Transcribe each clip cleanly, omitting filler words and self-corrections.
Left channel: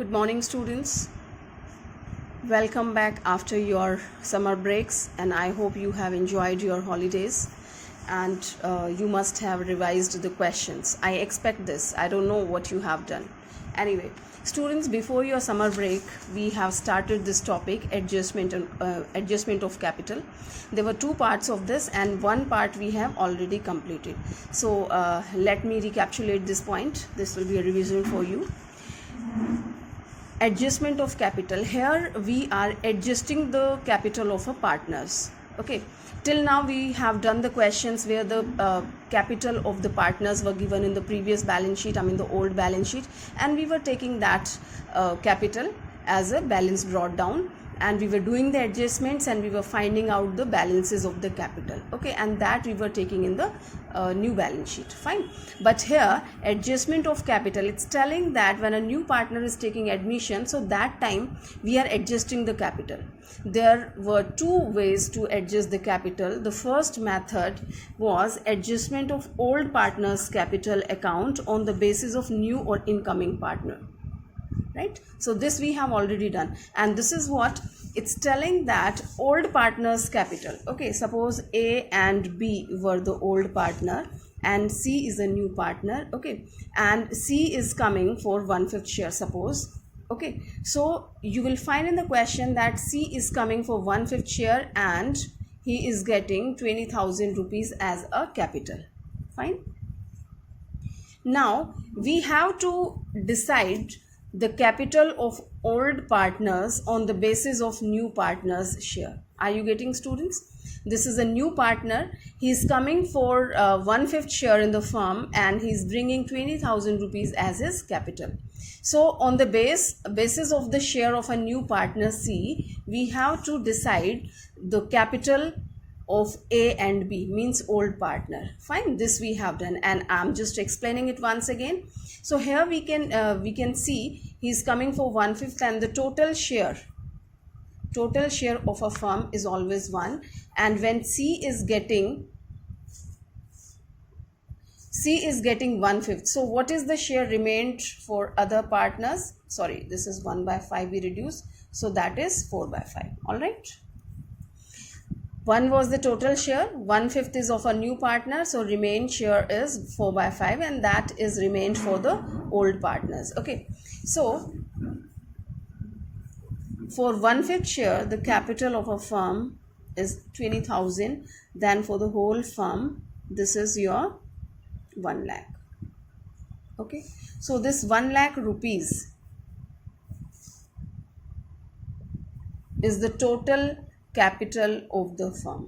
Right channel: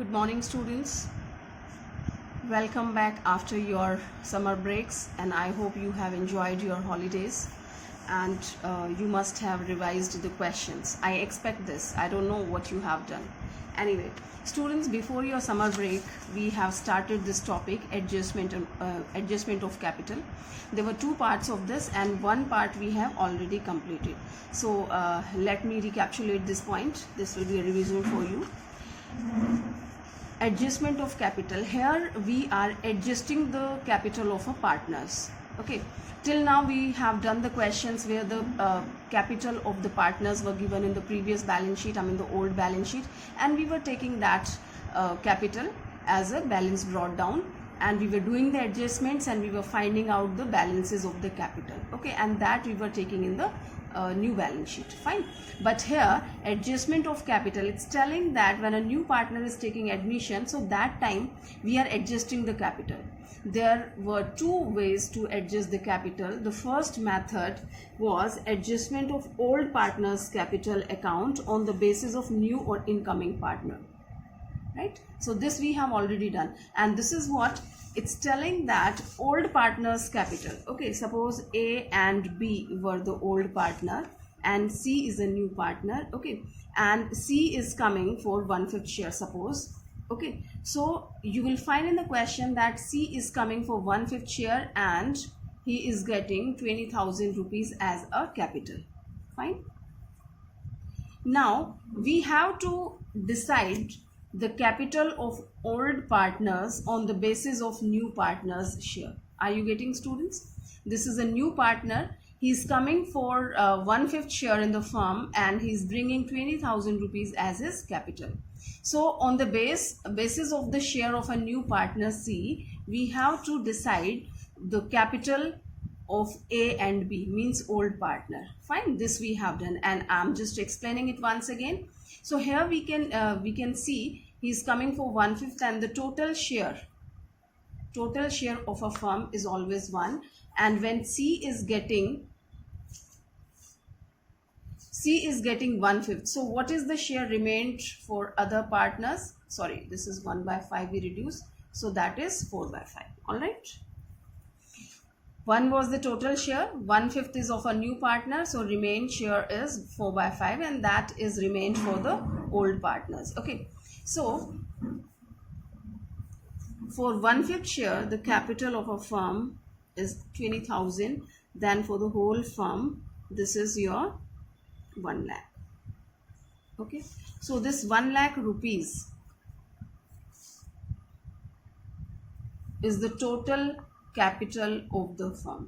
Good morning, students. Welcome back after your summer breaks, and I hope you have enjoyed your holidays and you must have revised the questions. I expect this. I don't know what you have done. Anyway, students, before your summer break, we have started this topic, adjustment of capital. There were two parts of this, and one part we have already completed. So let me recapitulate this point. This will be a revision for you. Adjustment of capital. Here we are adjusting the capital of our partners. Okay, till now we have done the questions where the capital of the partners were given in the previous balance sheet, the old balance sheet, and we were taking that capital as a balance brought down, and we were doing the adjustments and we were finding out the balances of the capital. Okay, and that we were taking in the new balance sheet. Fine. But here, adjustment of capital, it's telling that when a new partner is taking admission, so that time we are adjusting the capital. There were two ways to adjust the capital. The first method was adjustment of old partner's capital account on the basis of new or incoming partner. Right? So this we have already done, and this is what it's telling, that old partner's capital. Okay, suppose A and B were the old partner and C is a new partner. Okay, and C is coming for 1/5 share, suppose. Okay, so you will find in the question that C is coming for 1/5 share and he is getting 20,000 rupees as a capital. Fine. Now we have to decide the capital of old partners on the basis of new partners' share. Are you getting, students? This is a new partner. He is coming for 1/5 share in the firm and he is bringing 20,000 rupees as his capital. So on the basis of the share of a new partner C, we have to decide the capital of A and B, means old partner. Fine, this we have done, and I'm just explaining it once again. So here we can see he's coming for 1/5, and the total share of a firm is always 1, and when C is getting 1/5, so what is the share remained for other partners? Sorry, this is 1/5 we reduce, so that is 4/5. All right. 1 was the total share, 1/5 is of a new partner, so remained share is 4/5, and that is remained for the old partners. Okay, so for 1/5 share, the capital of a firm is 20,000. Then for the whole firm, this is your 1 lakh. Okay, so this 1 lakh rupees is the total capital of the firm,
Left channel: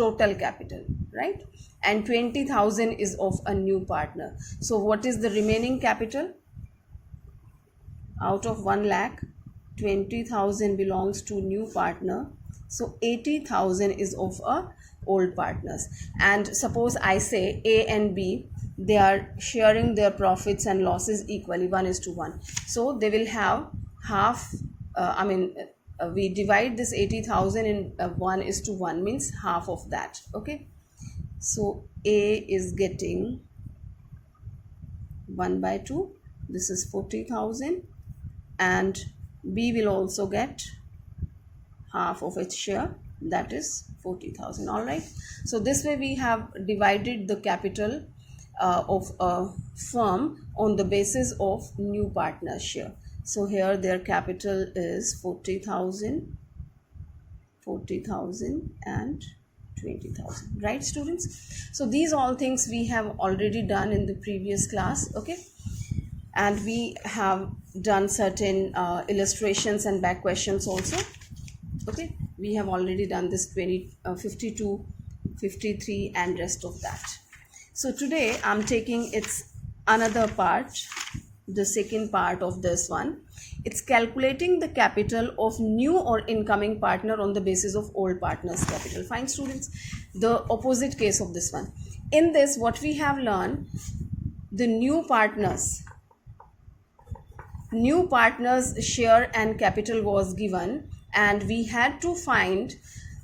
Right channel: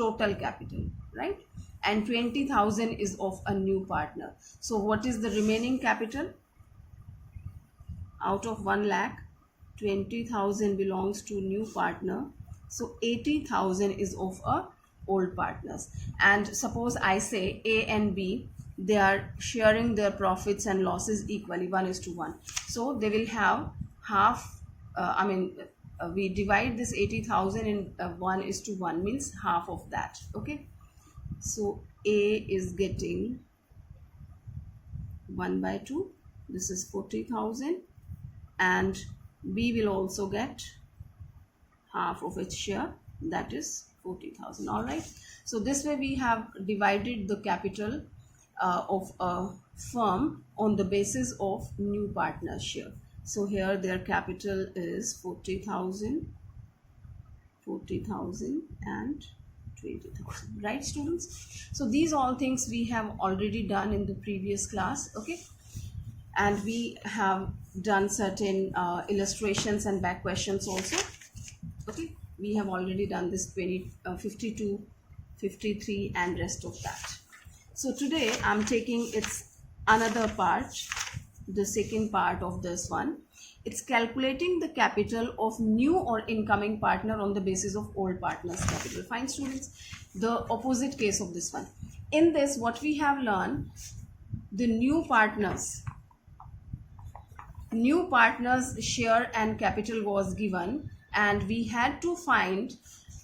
total capital, right? And 20,000 is of a new partner. So what is the remaining capital? Out of 1 lakh, 20,000 belongs to new partner, so 80,000 is of a old partners. And suppose I say A and B, they are sharing their profits and losses equally, 1:1. So they will have half, we divide this 80,000 in 1:1, means half of that. Okay, so A is getting 1/2, this is 40,000, and B will also get half of its share, that is 40,000. All right, so this way we have divided the capital of a firm on the basis of new partner share. So here their capital is 40,000 and 20,000, right, students? So these all things we have already done in the previous class. Okay, and we have done certain illustrations and back questions also. Okay, we have already done this 52, 53 and rest of that. So today I'm taking its another part, the second part of this one. It's calculating the capital of new or incoming partner on the basis of old partner's capital. Fine, students, the opposite case of this one. In this, what we have learned, the new partners share and capital was given, and we had to find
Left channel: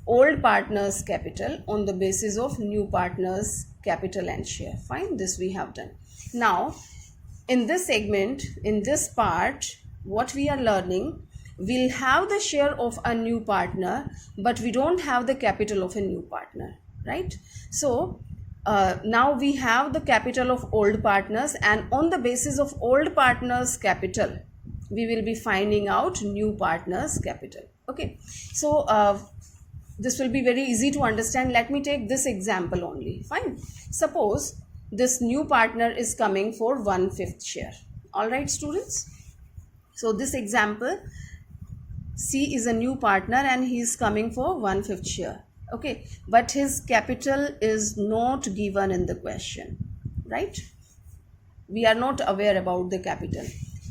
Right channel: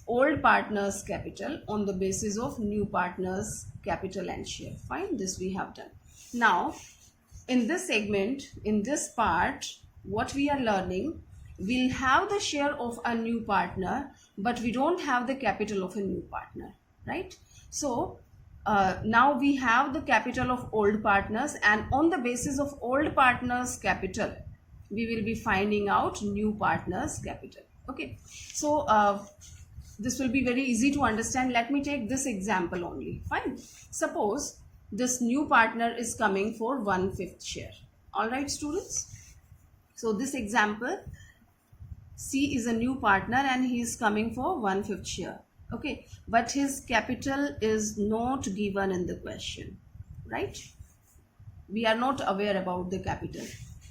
old partner's capital on the basis of new partner's capital and share. Fine, this we have done. Now in this segment, in this part, what we are learning, we'll have the share of a new partner, but we don't have the capital of a new partner, right? So now we have the capital of old partners, and on the basis of old partners capital, we will be finding out new partners capital. Okay, so this will be very easy to understand. Let me take this example only. Fine. Suppose this new partner is coming for 1/5 share. All right, students. So this example, C is a new partner and he is coming for 1/5 share. Okay, but his capital is not given in the question, right? We are not aware about the capital,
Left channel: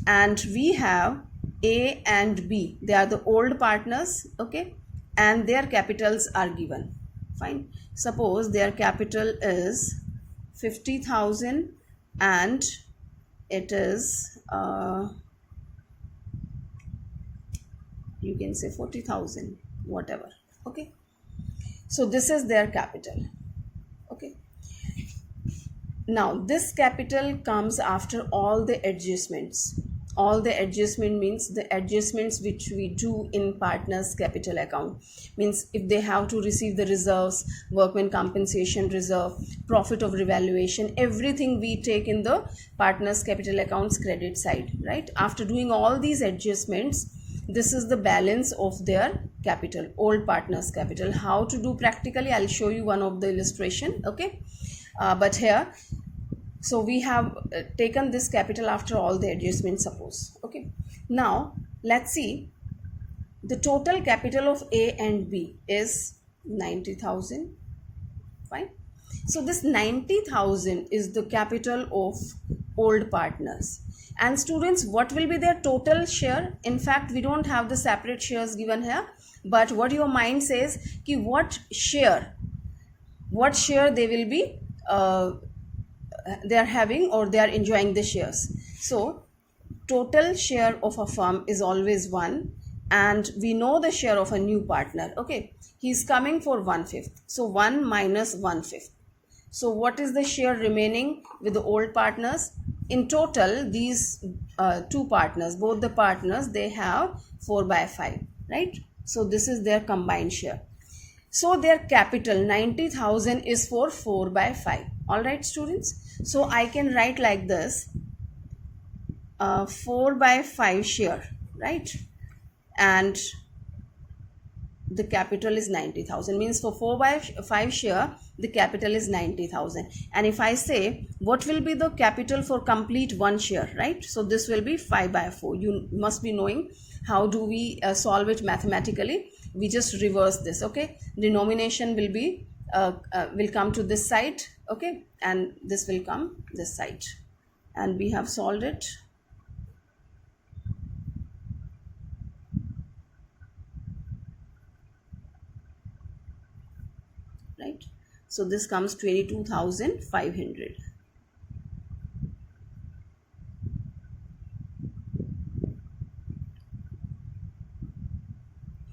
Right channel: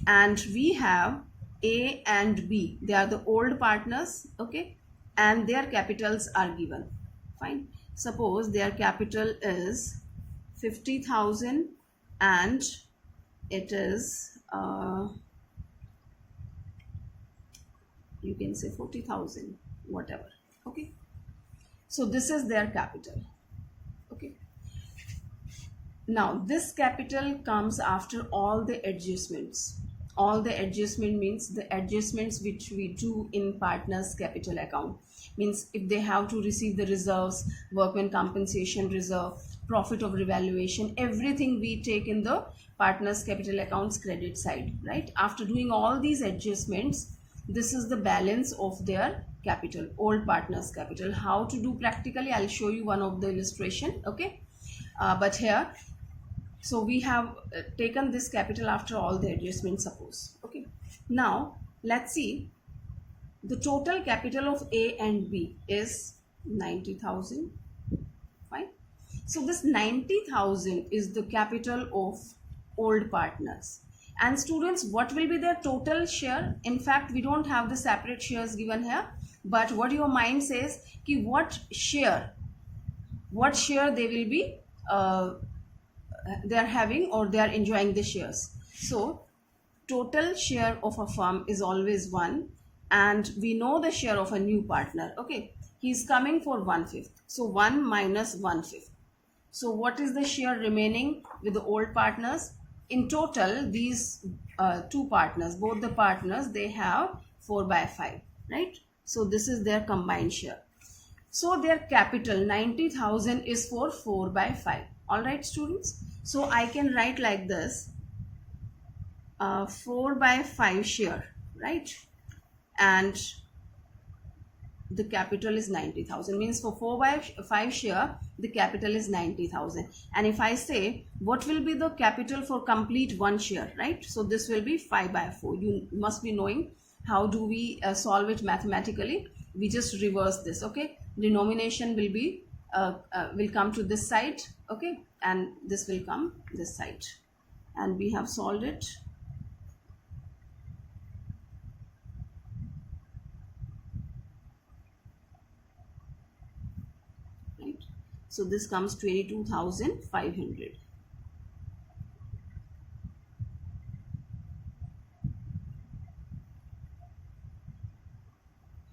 and we have A and B. They are the old partners, okay, and their capitals are given. Fine. Suppose their capital is 50,000 and it is you can say 40,000, whatever. Okay, so this is their capital. Okay, now this capital comes after all the adjustments. All the adjustment means the adjustments which we do in partners capital account, means if they have to receive the reserves, workman compensation reserve, profit of revaluation, everything we take in the partners capital accounts credit side, right? After doing all these adjustments, this is the balance of their capital, old partners capital. How to do practically, I'll show you one of the illustration. Okay, but here, so we have taken this capital after all the adjustments, suppose. Okay, now let's see, the total capital of A and B is 90,000. Fine. So this 90,000 is the capital of old partners. And students, what will be their total share? In fact, we don't have the separate shares given here, but what your mind says, ki what share they will be they are having, or they are enjoying the shares. So total share of a firm is always 1, and we know the share of a new partner. Okay, he is coming for 1/5, so 1 minus 1/5. So what is the share remaining with the old partners? In total, these two partners, both the partners, they have 4/5, right? So this is their combined share. So their capital 90,000 is for 4/5. All right, students. So I can write like this: 4/5 share, right? And the capital is 90,000, means for 4/5 share the capital is 90,000. And if I say what will be the capital for complete 1 share, right? So this will be 5/4. You must be knowing how do we solve it mathematically. We just reverse this. Okay, denomination will be will come to this side, okay, and this will come this side, and we have solved it. Right, so this comes 22,500.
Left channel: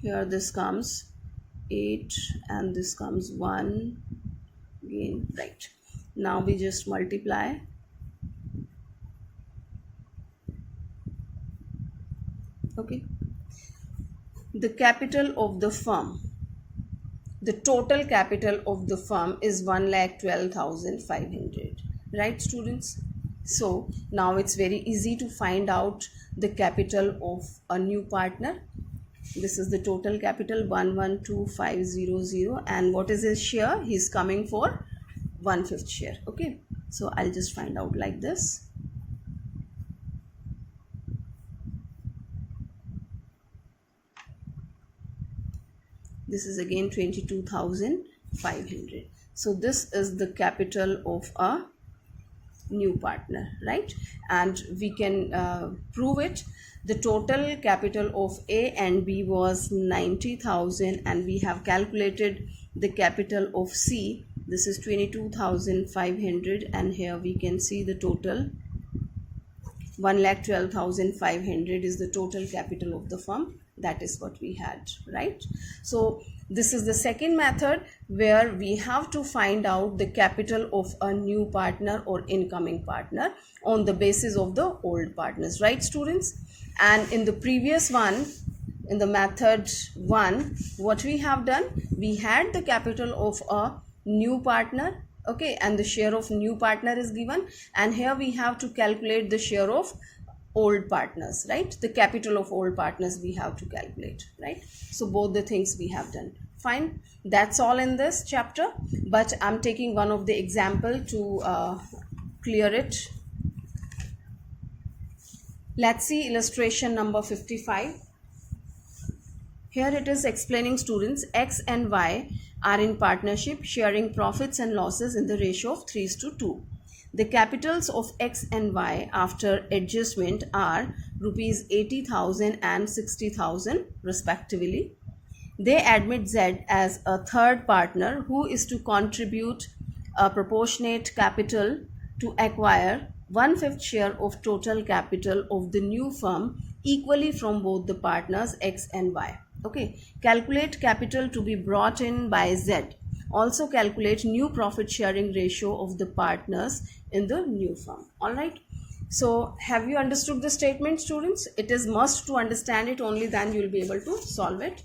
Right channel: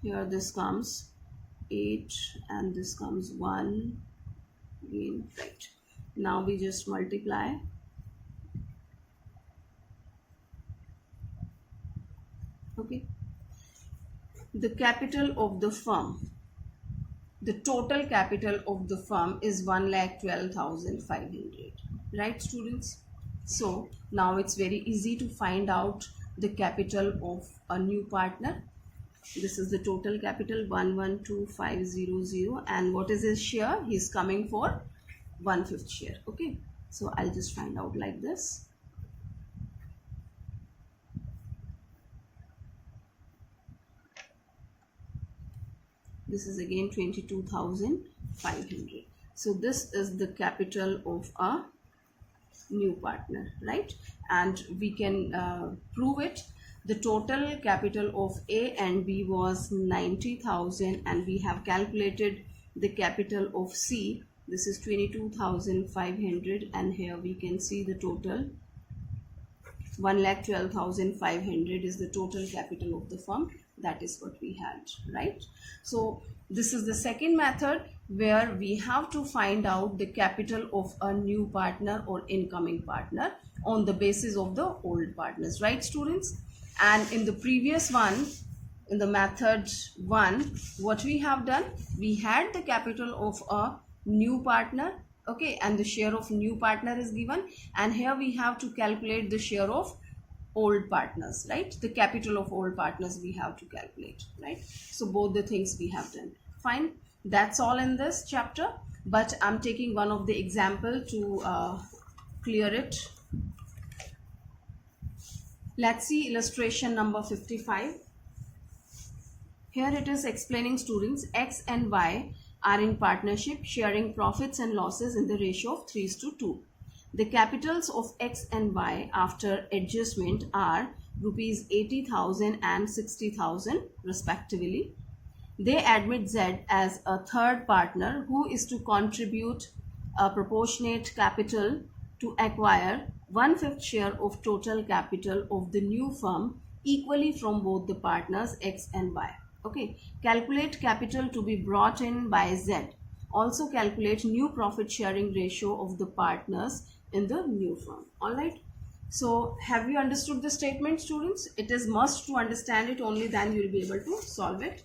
Here this comes 8 and this comes 1 again, right? Now we just multiply. Okay, the capital of the firm, the total capital of the firm is 1,12,500, right, students? So now it's very easy to find out the capital of a new partner. This is the total capital 112,500, and what is his share? He's coming for 1/5 share. Okay, so I'll just find out like this. This is again 22,500. So this is the capital of a new partner, right? And we can prove it. The total capital of A and B was 90,000, and we have calculated the capital of C. This is 22,500, and here we can see the total 1,12,500 is the total capital of the firm. That is what we had, right? So this is the second method where we have to find out the capital of a new partner or incoming partner on the basis of the old partners, right, students? And in the previous one, in the method 1, what we have done, we had the capital of a new partner, okay, and the share of new partner is given, and here we have to calculate the share of old partners, right? The capital of old partners we have to calculate, right? So both the things we have done. Fine, that's all in this chapter, but I'm taking one of the example to clear it. Let's see illustration number 55. Here it is explaining students X and Y are in partnership sharing profits and losses in the ratio of 3:2. The capitals of X and Y after adjustment are rupees 80,000 and 60,000 respectively. They admit Z as a third partner who is to contribute a proportionate capital to acquire 1/5 share of total capital of the new firm equally from both the partners X and Y. Okay, calculate capital to be brought in by Z. Also calculate new profit sharing ratio of the partners in the new firm. All right. So have you understood the statement, students? It is must to understand it, only then you will be able to solve it.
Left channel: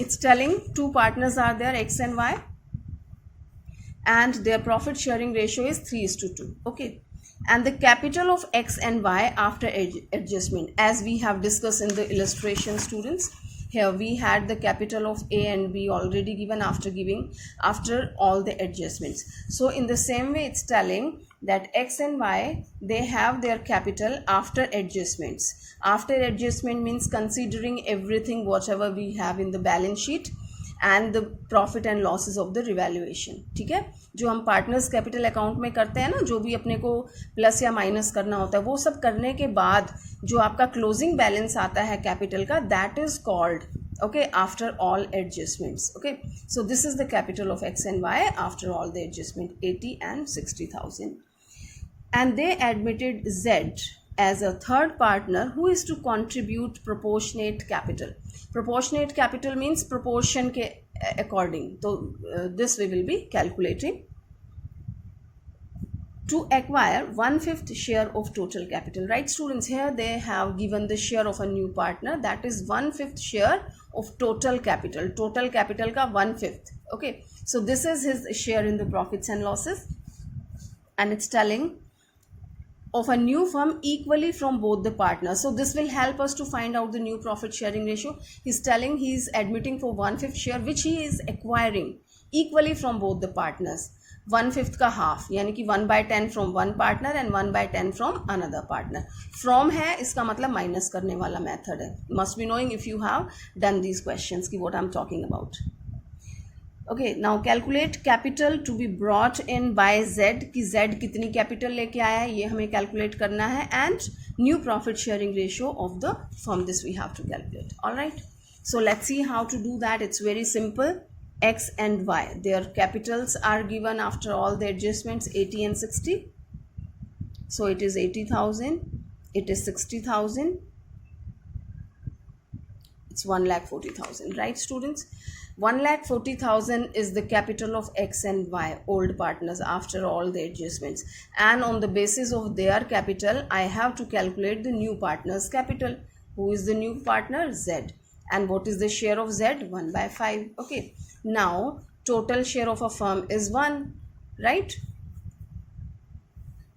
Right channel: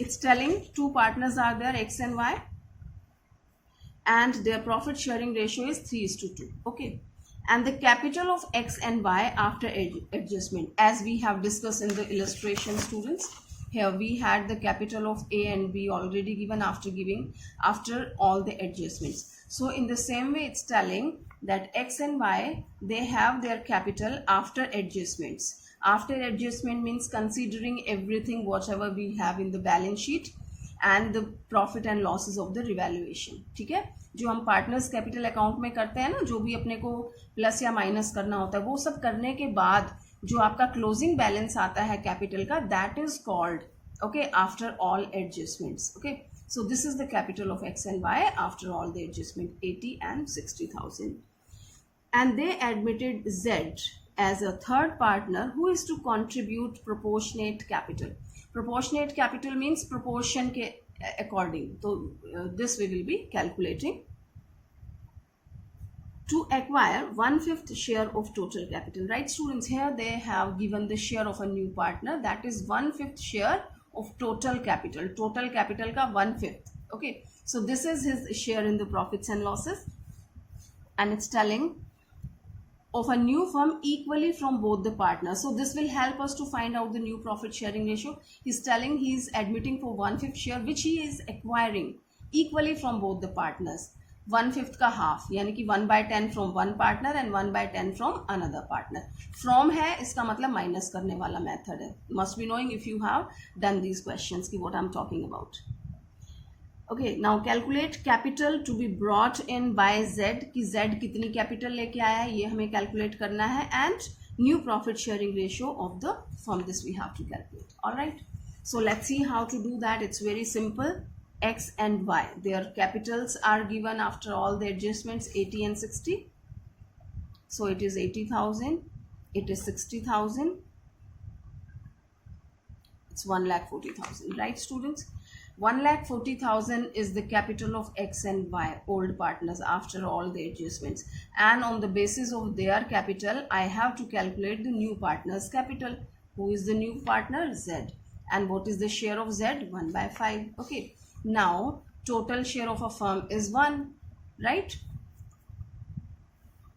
It's telling two partners are there, X and Y, and their profit sharing ratio is 3:2. Okay. And the capital of X and Y after adjustment, as we have discussed in the illustration, students, here we had the capital of A and B already given after all the adjustments. So in the same way, it's telling that X and Y, they have their capital after adjustments. After adjustment means considering everything whatever we have in the balance sheet and the profit and losses of the revaluation. ठीक है, जो हम partners capital account में करते हैं ना, जो भी अपने को प्लस या माइनस करना होता है, वो सब करने के बाद जो आपका क्लोजिंग बैलेंस आता है कैपिटल का, that is called, okay, after all adjustments. Okay, so this is the capital of X and Y after all the adjustment, 80 and 60,000. And they admitted Z as a third partner who is to contribute proportionate capital. Proportionate capital means proportion के according. So this we will be calculating to acquire 1/5 share of total capital, right, students? Here they have given the share of a new partner, that is 1/5 share of total capital. Total capital ka 1/5. Okay, so this is his share in the profits and losses, and it's telling of a new firm equally from both the partners. So this will help us to find out the new profit sharing ratio. He's telling he's admitting for 1/5 share which he is acquiring equally from both the partners. 1/5 का half, यानी कि 1/10 from one partner and 1/10 from another partner. From है इसका मतलब minus करने वाला method है. Must be knowing if you have done these questions कि what I'm talking about. Okay, now calculate capital to be brought in by Z, कि Z कितनी capital लेके आया है ये हमें calculate करना है, and new profit sharing ratio of the firm, this we have to calculate. All right, so let's see how to do that. It's very simple. X and Y, their capitals are given after all the adjustments, 80 and 60. So it is 80,000, it is 60,000, it's 1,40,000, right, students? 1,40,000 is the capital of X and Y, old partners, after all the adjustments, and on the basis of their capital I have to calculate the new partner's capital. Who is the new partner? Z. And what is the share of Z? 1/5. Okay, now total share of a firm is 1, right?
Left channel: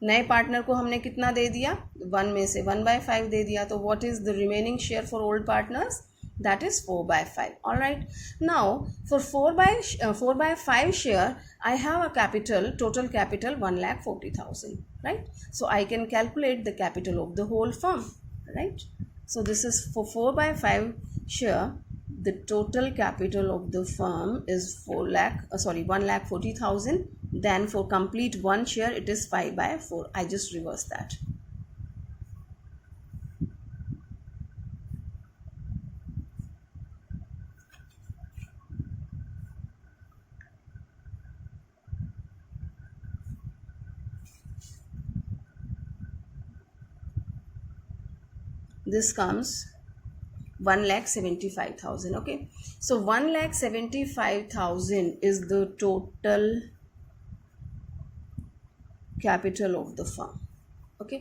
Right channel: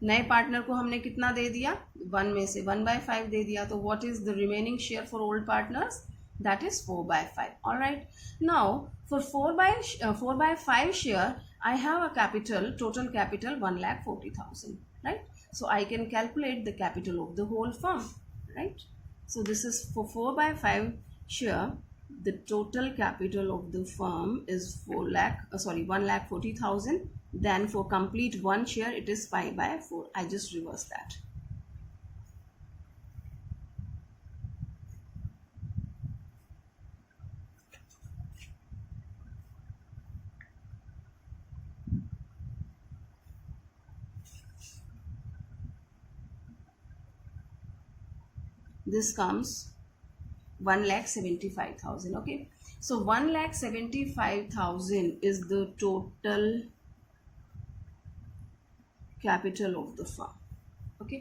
नए partner को हमने कितना दे दिया? 1 में से 1/5 दे दिया. तो what is the remaining share for old partners? That is 4/5. All right, now for 4/5 share I have a capital, total capital 1,40,000, right? So I can calculate the capital of the whole firm, right? So this is for 4/5 share, the total capital of the firm is 1,40,000. Then for complete one share it is 5/4. I just reverse that. This comes 1,75,000. Okay, so 1,75,000 is the total capital of the firm. Okay,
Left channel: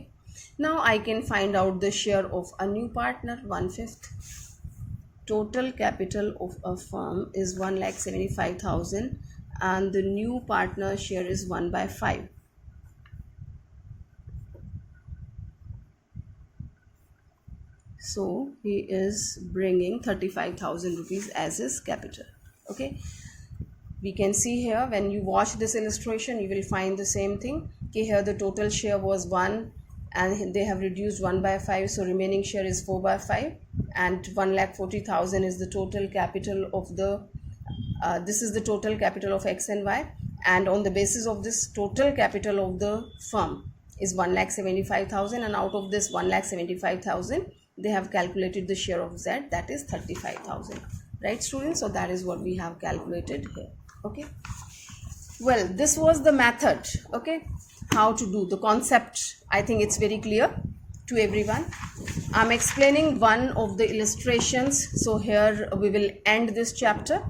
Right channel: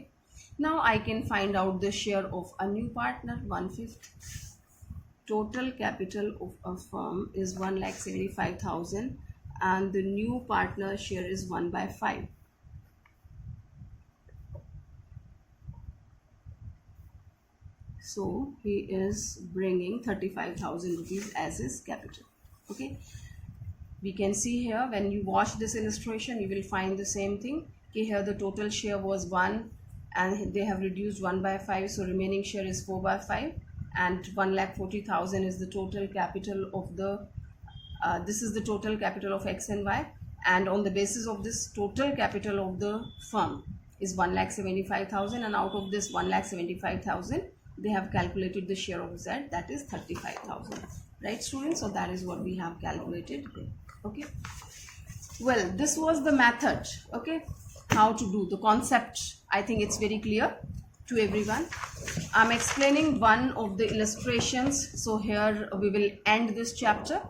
Now I can find out the share of a new partner, 1/5. Total capital of a firm is 1,75,000 and the new partner share is 1/5. So he is bringing 35,000 rupees as his capital. Okay, we can see here when you watch this illustration you will find the same thing. Okay, here the total share was 1 and they have reduced 1/5, so remaining share is 4/5 and 1,40,000 is the total capital of the this is the total capital of X and Y, and on the basis of this total capital of the firm is 1,75,000 and out of this 1,75,000 they have calculated the share of Z, that is 35,000. Right students, so that is what we have calculated here. Okay, well, this was the method. Okay, how to do the concept, I think it's very clear to everyone. I'm explaining one of the illustrations, so here we will end this chapter.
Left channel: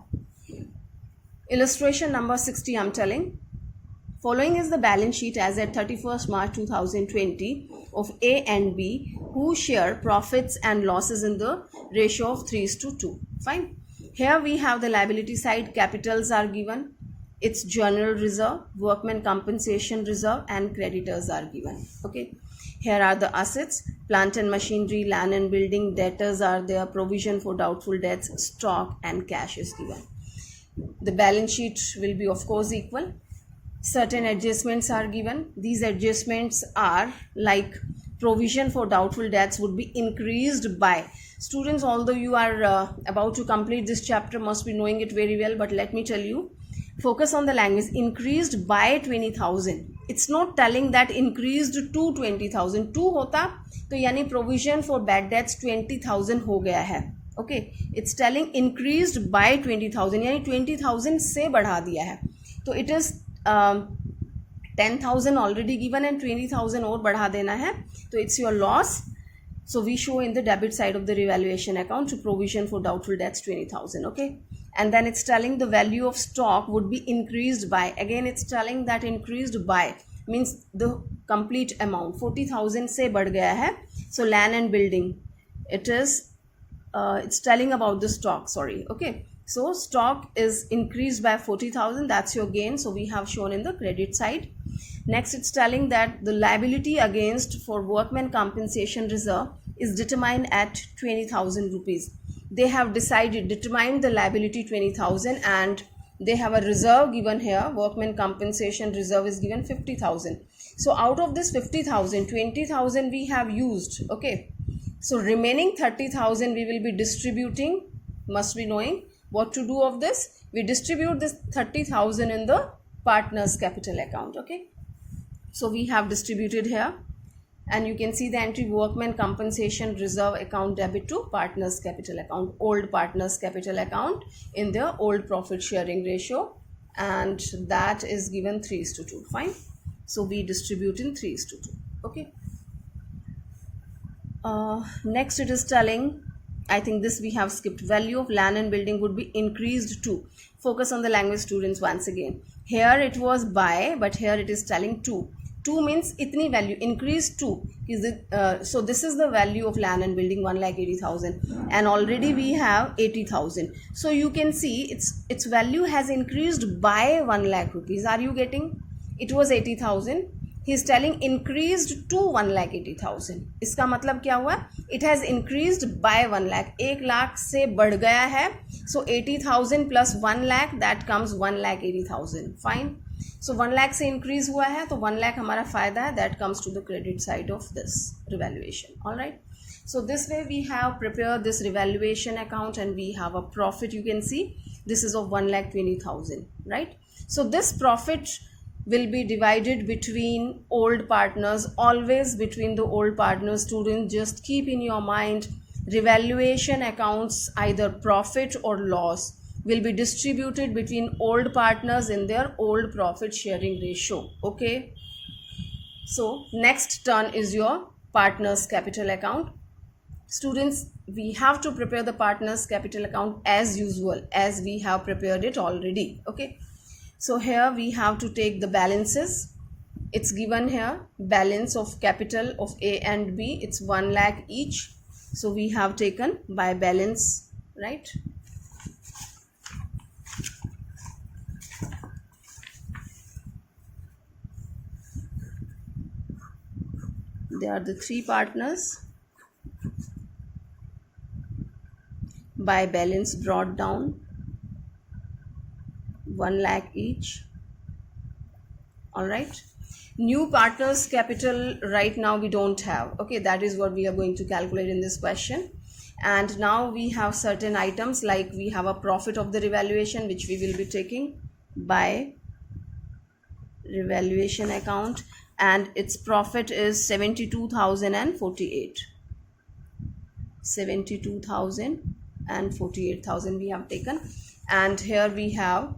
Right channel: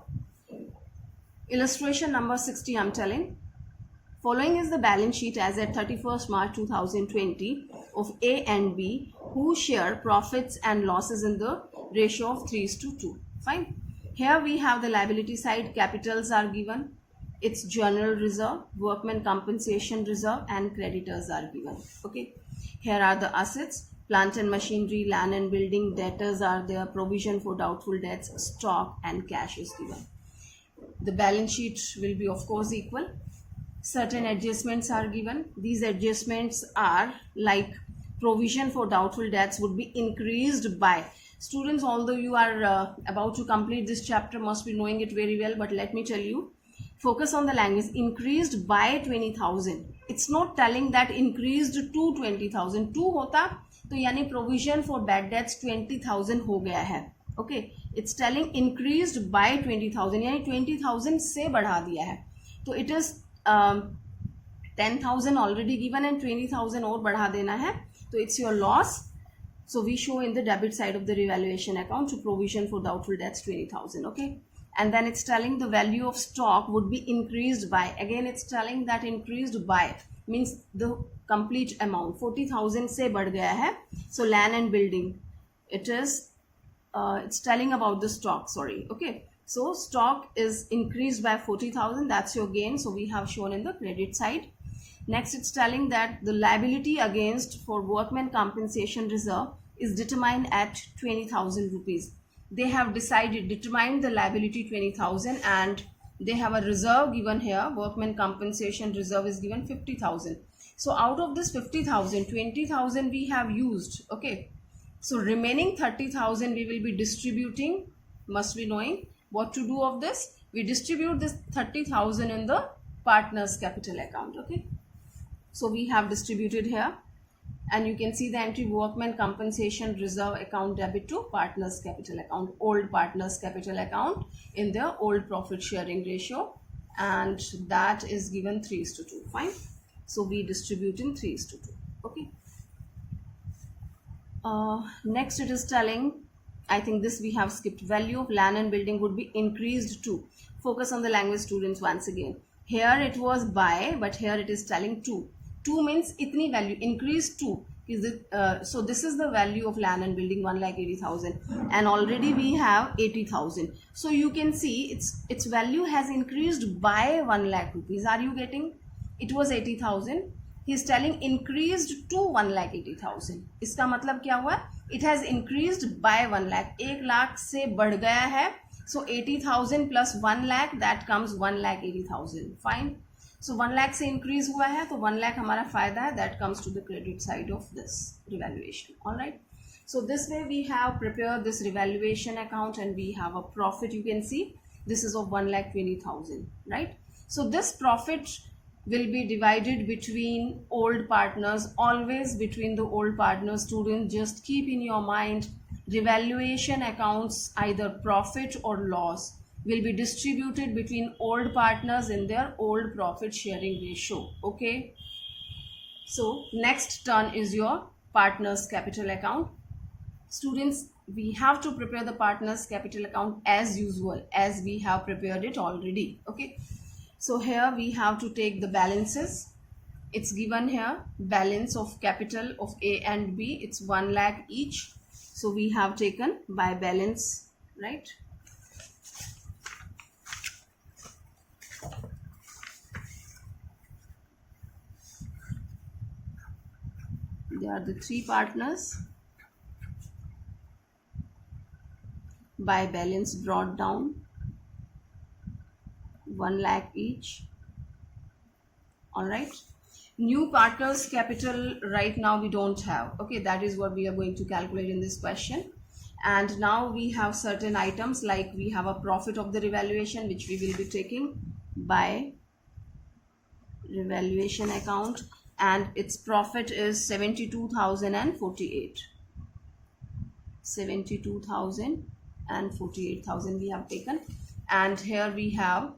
Illustration number 60, I'm telling. Following is the balance sheet as at 31st March 2020 of A and B, who share profits and losses in the ratio of 3:2. Fine. Here we have the liability side. Capitals are given. It's general reserve, workmen compensation reserve, and creditors are given. Okay. Here are the assets, plant and machinery, land and building, debtors are there, provision for doubtful debts, stock, and cash is given. The balance sheet will be of course equal. Certain adjustments are given. These adjustments are like provision for doubtful debts would be increased by, students, although you are about to complete this chapter, must be knowing it very well, but let me tell you, focus on the language, increased by 20,000. It's not telling that increased to 20,000. 2 होता तो यानी provision for bad debts 20,000 हो गया है. Okay, it's telling increased by 20,000 यानी 20,000 से बढ़ा दिया है. तो it is 10,000 already given and 20,000 और बढ़ा देना है. So it's your loss. So we show in the debit side of the revaluation account to provision for doubtful debts 20,000. Okay, and then it's telling the value of stock would be increased by, again it's telling that increased by means the complete amount 40,000 से बढ़ गया है. So land and building, it is it's telling about the stock, sorry. Okay, so stock is increased by 40,000, that's your gain, so we have shown in the credit side. Next, it's telling that the liability against for workmen compensation reserve is determined at 20,000 rupees. They have determined the liability 20,000 and they have a reserve given here. Workmen compensation reserve is given 50,000. So out of this 50,000, 20,000 we have used. Okay, so remaining 30,000 we will be distributing. Must be knowing what to do of this. We distribute this 30,000 in the partners capital account. Okay, so we have distributed here and you can see the entry workmen compensation reserve account debit to partners capital account, old partners capital account in their old profit sharing ratio, and that is given 3:2. Fine, so we distribute in 3:2. Okay, next it is telling, I think this we have skipped, value of land and building would be increased to. Focus on the language, students, once again. Here it was by, but here it is telling 2. 2 means itni value, increased to. Is it, so this is the value of land and building 1,80,000 and already we have 80,000. So you can see its value has increased by 1 lakh rupees. Are you getting? It was 80,000. He is telling increased to 1,80,000. इसका मतलब क्या हुआ? It has increased by 1 lakh. 1 lakh से बढ़ गया है. So 80,000 plus 1 lakh, that comes 1,80,000. Fine. So 1 lakh से increase हुआ है तो 1 lakh हमारा फायदा है. That comes to the credit side of this revaluation. All right. So this way we have prepared this revaluation account and we have a profit. You can see this is of 1,20,000. Right. So this profit will be divided between old partners, always between the old partners. Students, just keep in your mind, revaluation accounts, either profit or loss, will be distributed between old partners in their old profit sharing ratio. Okay, so next turn is your partners capital account. Students, we have to prepare the partners capital account as usual, as we have prepared it already. Okay, so here we have to take the balances. it's given here balance of capital of A and B, it's 1 lakh each, so we have taken by balance, right? They are the three partners. By balance brought down 1 lakh each. All right. New partners capital right now we don't have. Okay, that is what we are going to calculate in this question. And now we have certain items, like we have a profit of the revaluation, which we will be taking by revaluation account, and its profit is 72,048. 72,000 and 48,000 we have taken. And here we have,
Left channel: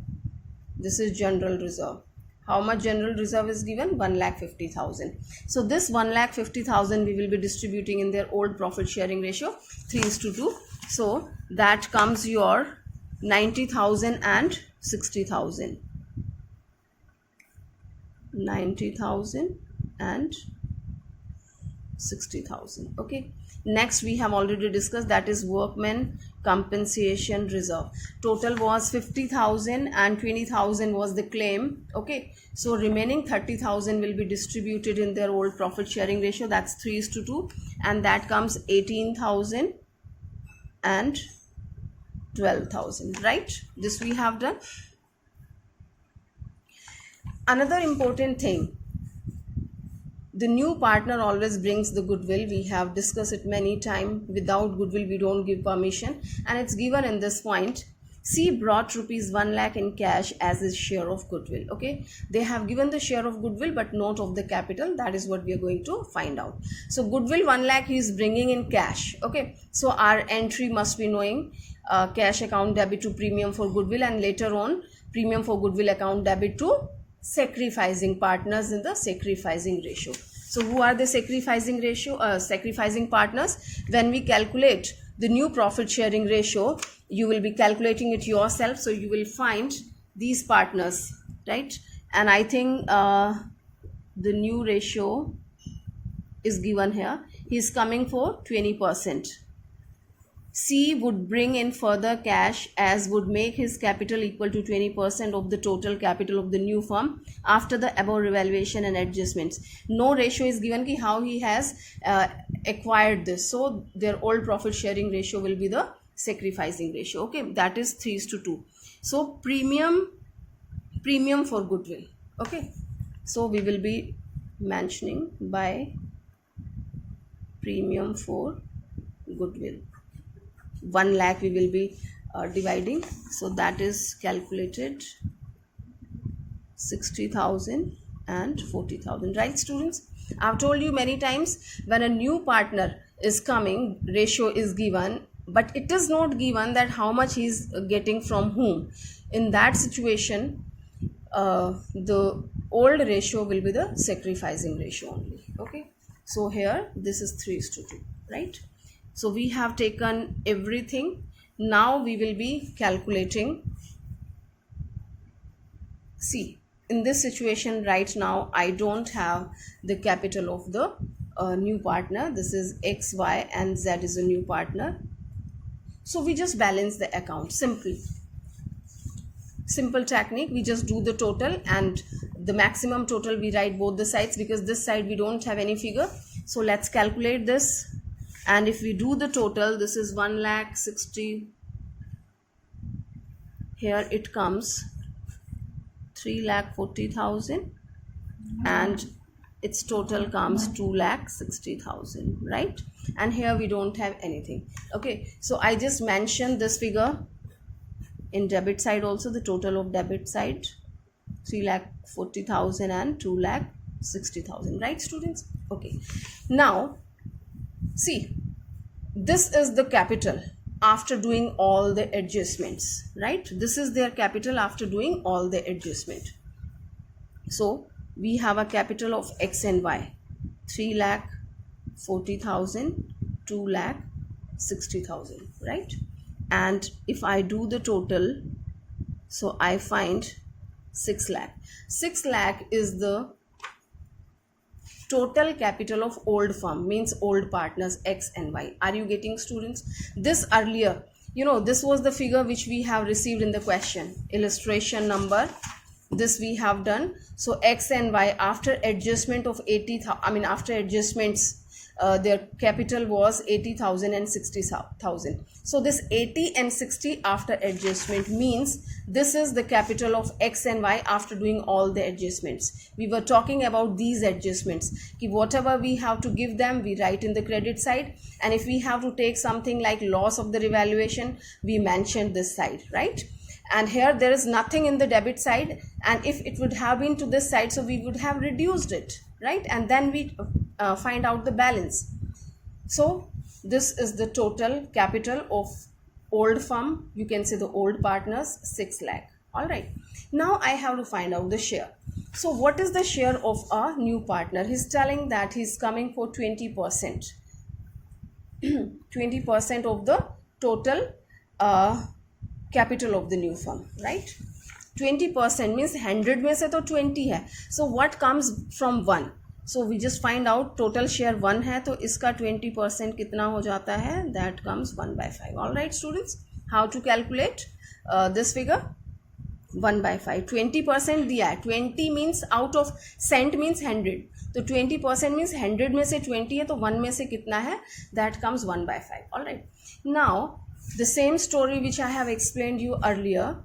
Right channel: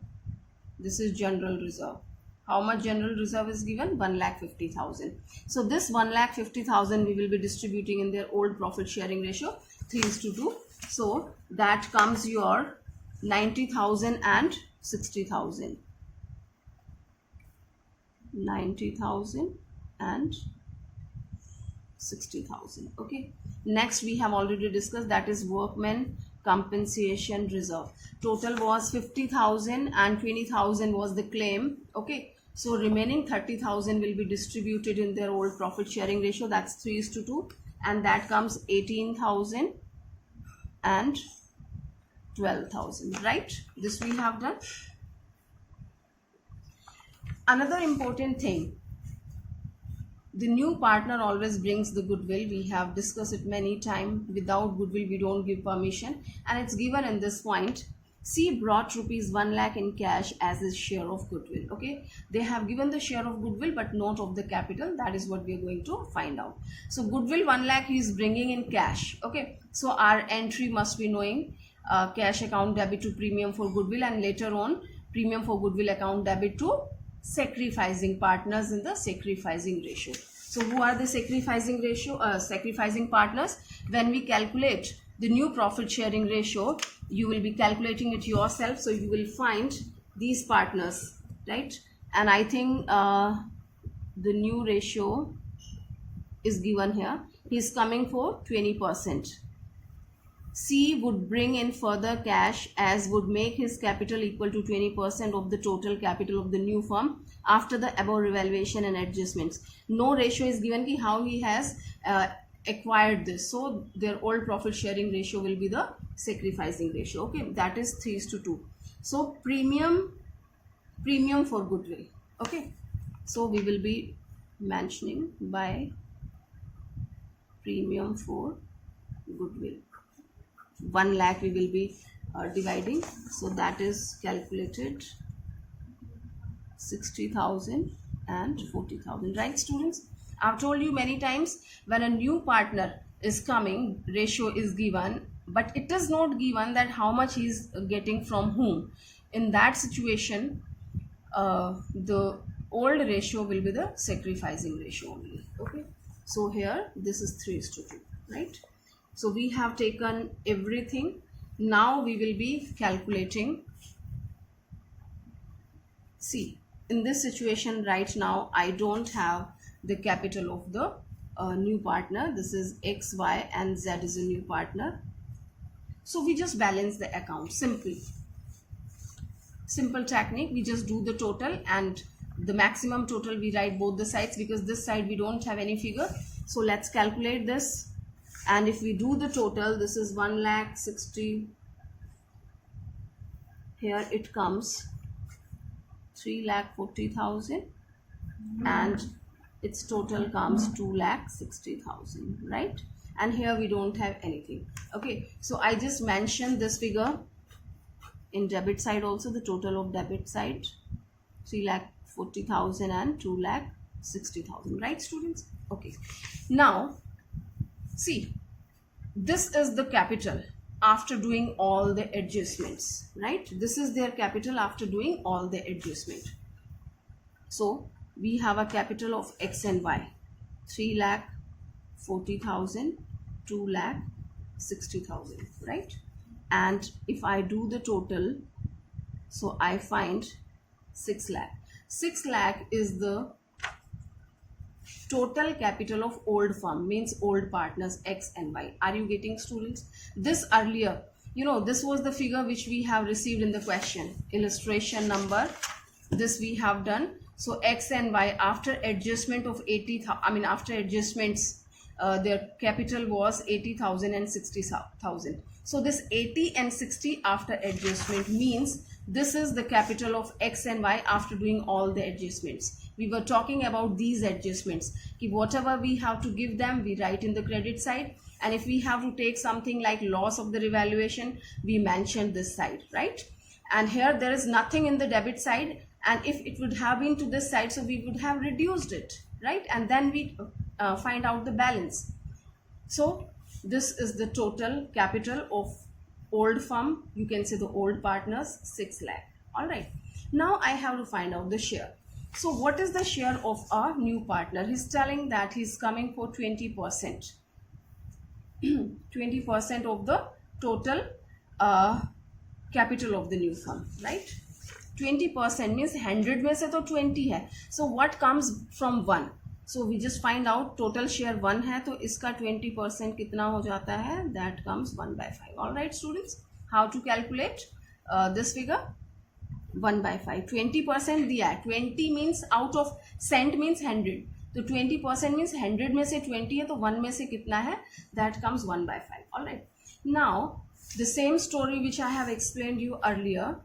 this is general reserve. How much general reserve is given? 1,50,000. So this 1,50,000 we will be distributing in their old profit sharing ratio 3:2. So that comes your 90,000 and 60,000. 90,000 and 60,000. Okay. Next we have already discussed, that is workmen compensation reserve. Total was 50,000 and 20,000 was the claim. Okay, so remaining 30,000 will be distributed in their old profit sharing ratio, that's 3:2, and that comes 18,000 and 12,000, right? This we have done. Another important thing, the new partner always brings the goodwill. We have discussed it many times. Without goodwill we don't give permission, and it's given in this point. C brought rupees 1 lakh in cash as his share of goodwill. Okay, they have given the share of goodwill but not of the capital. That is what we are going to find out. So goodwill 1 lakh he is bringing in cash. Okay, so our entry must be knowing cash account debit to premium for goodwill, and later on premium for goodwill account debit to sacrificing partners in the sacrificing ratio. So who are the sacrificing partners? When we calculate the new profit sharing ratio, you will be calculating it yourself, so you will find these partners, right? And I think the new ratio is given here. He is coming for 20%. C would bring in further cash as would make his capital equal to 20% of the total capital of the new firm after the above revaluation and adjustments. No ratio is given ki how he has acquired this. So their old profit sharing ratio will be the sacrificing ratio. Okay, that is 3:2. So premium for goodwill. Okay, so we will be mentioning by premium for goodwill. 1 lakh we will be dividing, so that is calculated 60,000 and 40,000, right students? I've told you many times, when a new partner is coming, ratio is given, but it is not given that how much he is getting from whom. In that situation the old ratio will be the sacrificing ratio only. Okay, so here this is 3:2, right? So we have taken everything. Now we will be calculating. See, in this situation right now, I don't have the capital of the new partner. This is X, Y and Z is a new partner. So we just balance the account simply. Simple technique, we just do the total, and the maximum total we write both the sides, because this side we don't have any figure. So let's calculate this. And if we do the total, this is 1,60,000. Here it comes 3,40,000, and its total comes 2,60,000, right? And here we don't have anything. Okay, so I just mentioned this figure in debit side also, the total of debit side 3,40,000 and 2,60,000, right students? Okay, now see, this is the capital after doing all the adjustments, right? This is their capital after doing all the adjustment. So we have a capital of X and Y, 3,40,000, 2,60,000, right? And if I do the total, so I find 6 lakh. 6 lakh is the total capital of old firm means old partners X and Y. Are you getting, students? This earlier, this was the figure which we have received in the question. Illustration number, this we have done. So X and Y, after adjustment of 80,000, after adjustments, their capital was 80,000 and 60,000. So this 80 and 60 after adjustment means this is the capital of X and Y after doing all the adjustments. We were talking about these adjustments. Whatever we have to give them, we write in the credit side. And if we have to take something like loss of the revaluation, we mentioned this side, right? And here there is nothing in the debit side, and if it would have been to this side, so we would have reduced it, right? And then we find out the balance. So this is the total capital of old firm, you can say the old partners, 6 lakh. All right, now I have to find out the share. So what is the share of a new partner? He's telling that he's coming for 20%. 20% of the total capital of the new firm, right? 20% means 100 में से तो 20 है. So what comes from 1? So we just find out total share 1 है, तो इसका 20% कितना हो जाता है? That comes 1/5. All right, students, how to calculate this figure? 1/5. 20% दिया है. 20 means out of cent means 100. तो 20% means 100 में से 20 है, तो 1 में से कितना है? That comes 1/5. All right. Now the same story which I have explained you earlier.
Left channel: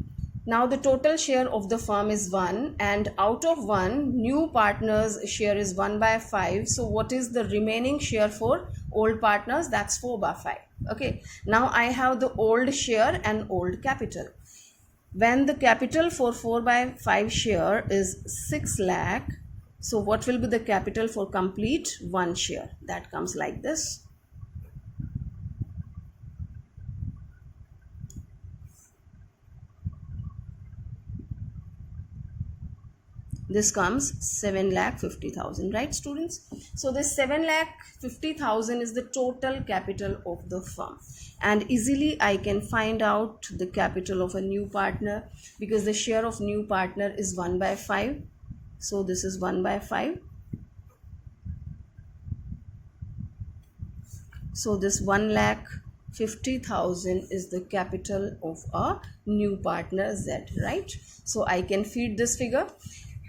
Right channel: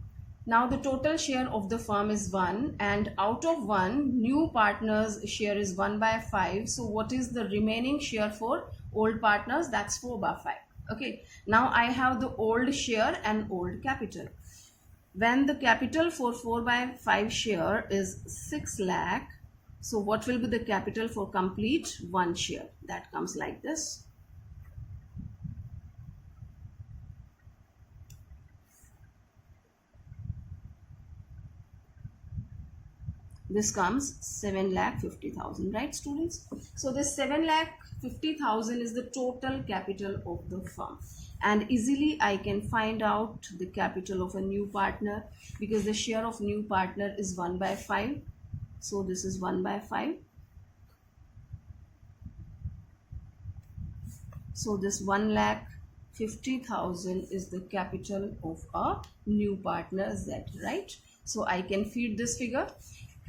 Now the total share of the firm is 1, and out of 1, new partners share is 1/5. So what is the remaining share for old partners? That's 4/5. Okay. Now I have the old share and old capital. When the capital for 4/5 share is 6 lakh, so what will be the capital for complete 1 share? That comes like this. This comes 7,50,000, right, students? So this 7,50,000 is the total capital of the firm, and easily I can find out the capital of a new partner because the share of new partner is 1/5. So this is 1/5. So this 1,50,000 is the capital of a new partner Z, right? So I can feed this figure.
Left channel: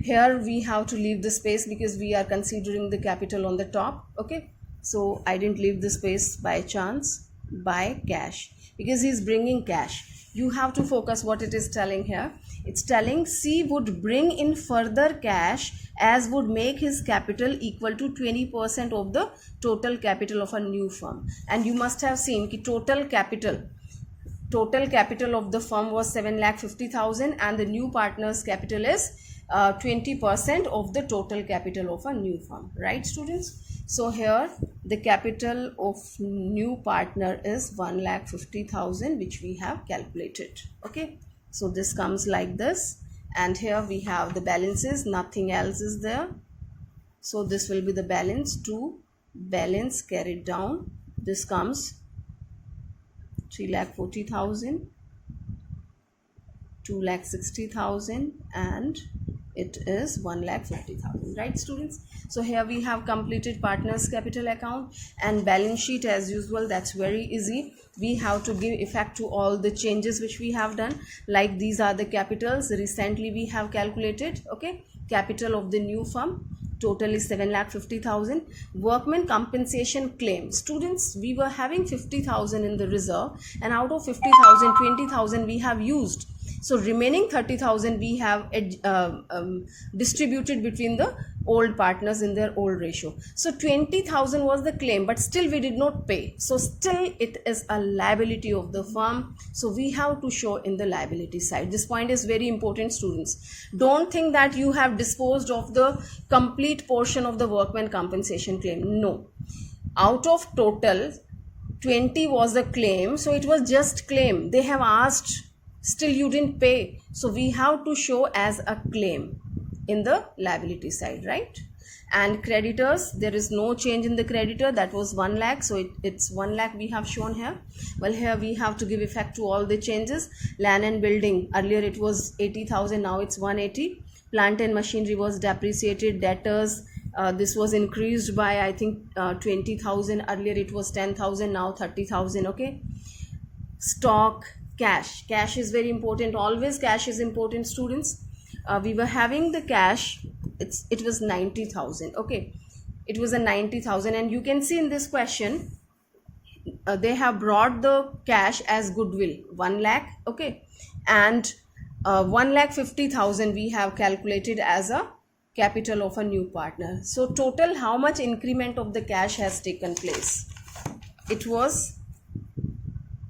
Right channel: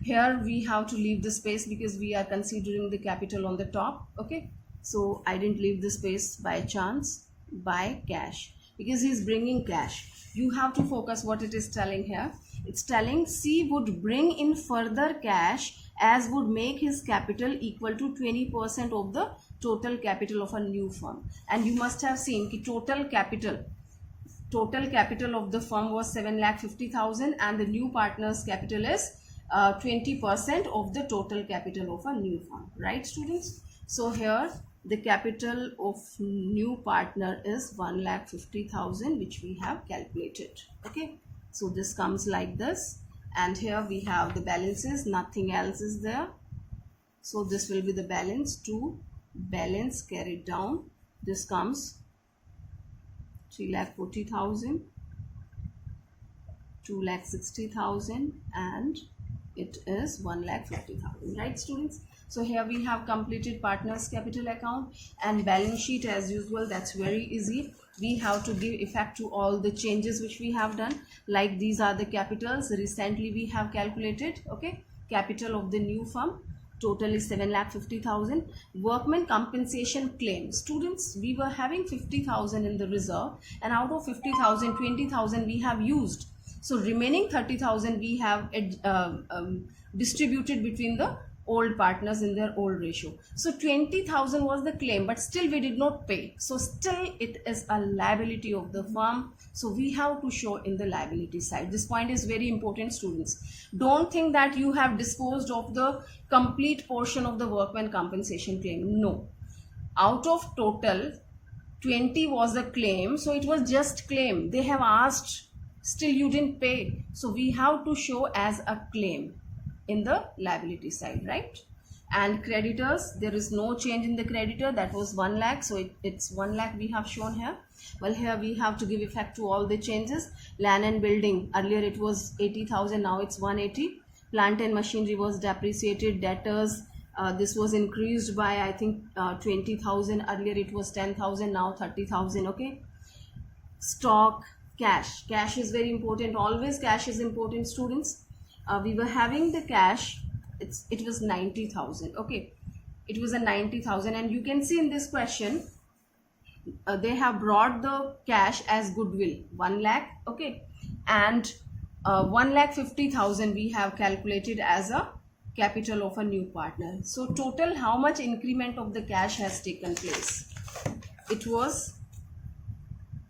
Here we have to leave the space because we are considering the capital on the top. Okay, so I didn't leave the space by chance. By cash, because he's bringing cash. You have to focus what it is telling here. It's telling C would bring in further cash as would make his capital equal to 20% of the total capital of a new firm. And you must have seen कि total capital of the firm was 7,50,000 and the new partner's capital is 20% of the total capital of a new firm, right, students? So here the capital of new partner is 1,50,000, which we have calculated. Okay, so this comes like this, and here we have the balances, nothing else is there. So this will be the balance, to balance carried down. This comes 3,40,000, 2,60,000, and it is 1,50,000, right, students? So here we have completed partners capital account and balance sheet as usual. That's very easy. We have to give effect to all the changes which we have done, like these are the capitals recently we have calculated. Okay, capital of the new firm total is 7,50,000. Workman compensation claim, students, we were having 50,000 in the reserve, and out of 50,000, 20,000 we have used. So remaining 30,000 we have distributed between the old partners in their old ratio. So 20,000 was the claim, but still we did not pay. So still it is a liability of the firm. So we have to show in the liability side. This point is very important, students. Don't think that you have disposed of the complete portion of the workman compensation claim. No. Out of total, 20 was the claim. So it was just claim. They have asked, still you didn't pay. So we have to show as a claim in the liability side, right? And creditors, there is no change in the creditor. That was 1 lakh. So it's 1 lakh we have shown here. Well, here we have to give effect to all the changes. Land and building, earlier it was 80,000, now it's 180. Plant and machinery was depreciated. Debtors, This was increased by, I think, 20,000. Earlier it was 10,000, now 30,000. Okay. Stock, cash. Cash is very important. Always cash is important, students. We were having the cash. It was 90,000. Okay. It was a 90,000, and you can see in this question, they have brought the cash as goodwill 1 lakh. Okay. And 1,50,000 we have calculated as a capital of a new partner. So total, how much increment of the cash has taken place? It was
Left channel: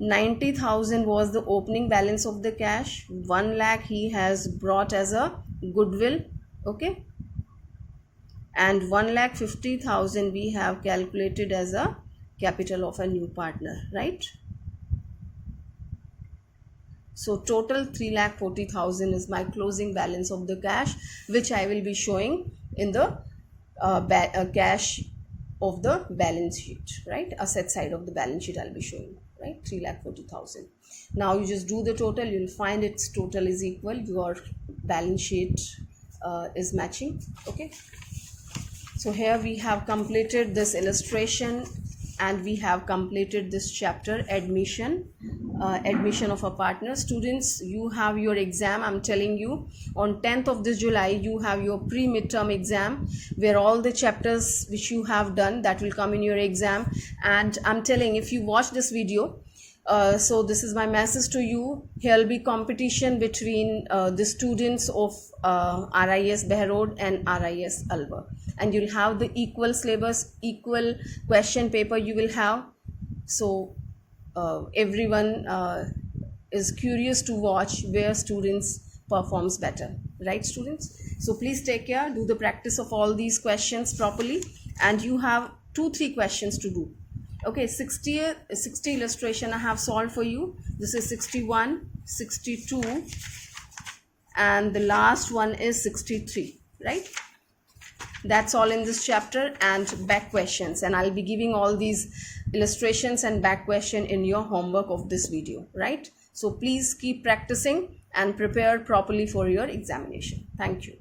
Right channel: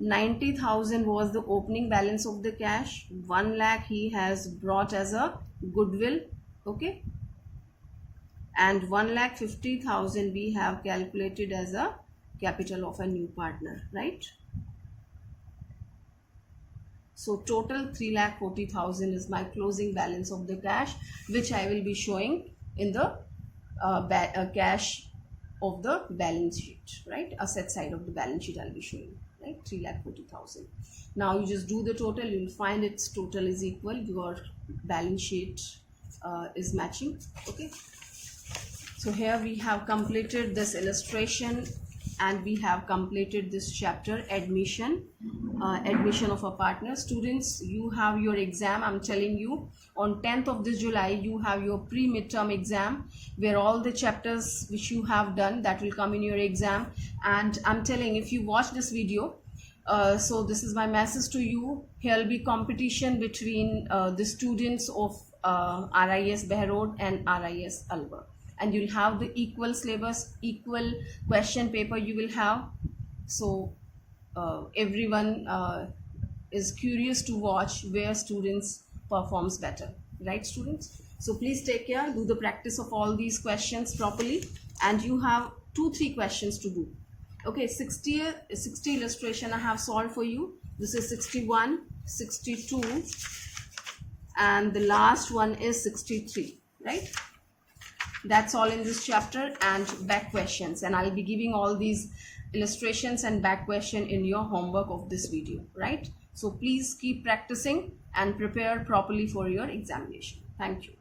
90,000 was the opening balance of the cash. 1 lakh he has brought as a goodwill. Okay. And 1,50,000 we have calculated as a capital of a new partner, right? So total 3,40,000 is my closing balance of the cash, which I will be showing in the cash of the balance sheet, right? Asset side of the balance sheet I'll be showing, right? 3,40,000. Now you just do the total, you'll find its total is equal, your balance sheet is matching. Okay. So here we have completed this illustration, and we have completed this chapter, admission of a partner. Students, you have your exam. I'm telling you, on 10th of this July you have your pre-midterm exam, where all the chapters which you have done, that will come in your exam. And I'm telling, if you watch this video, so this is my message to you, here will be competition between the students of RIS Behrod and RIS Alwar, and you'll have the equal syllabus, equal question paper you will have. So everyone is curious to watch where students performs better, right, students? So please take care, do the practice of all these questions properly, and you have 2-3 questions to do. Okay, 60 illustration I have solved for you. This is 61, 62, and the last one is 63, right? That's all in this chapter, and back questions, and I'll be giving all these illustrations and back question in your homework of this video, right? So please keep practicing and prepare properly for your examination. Thank you.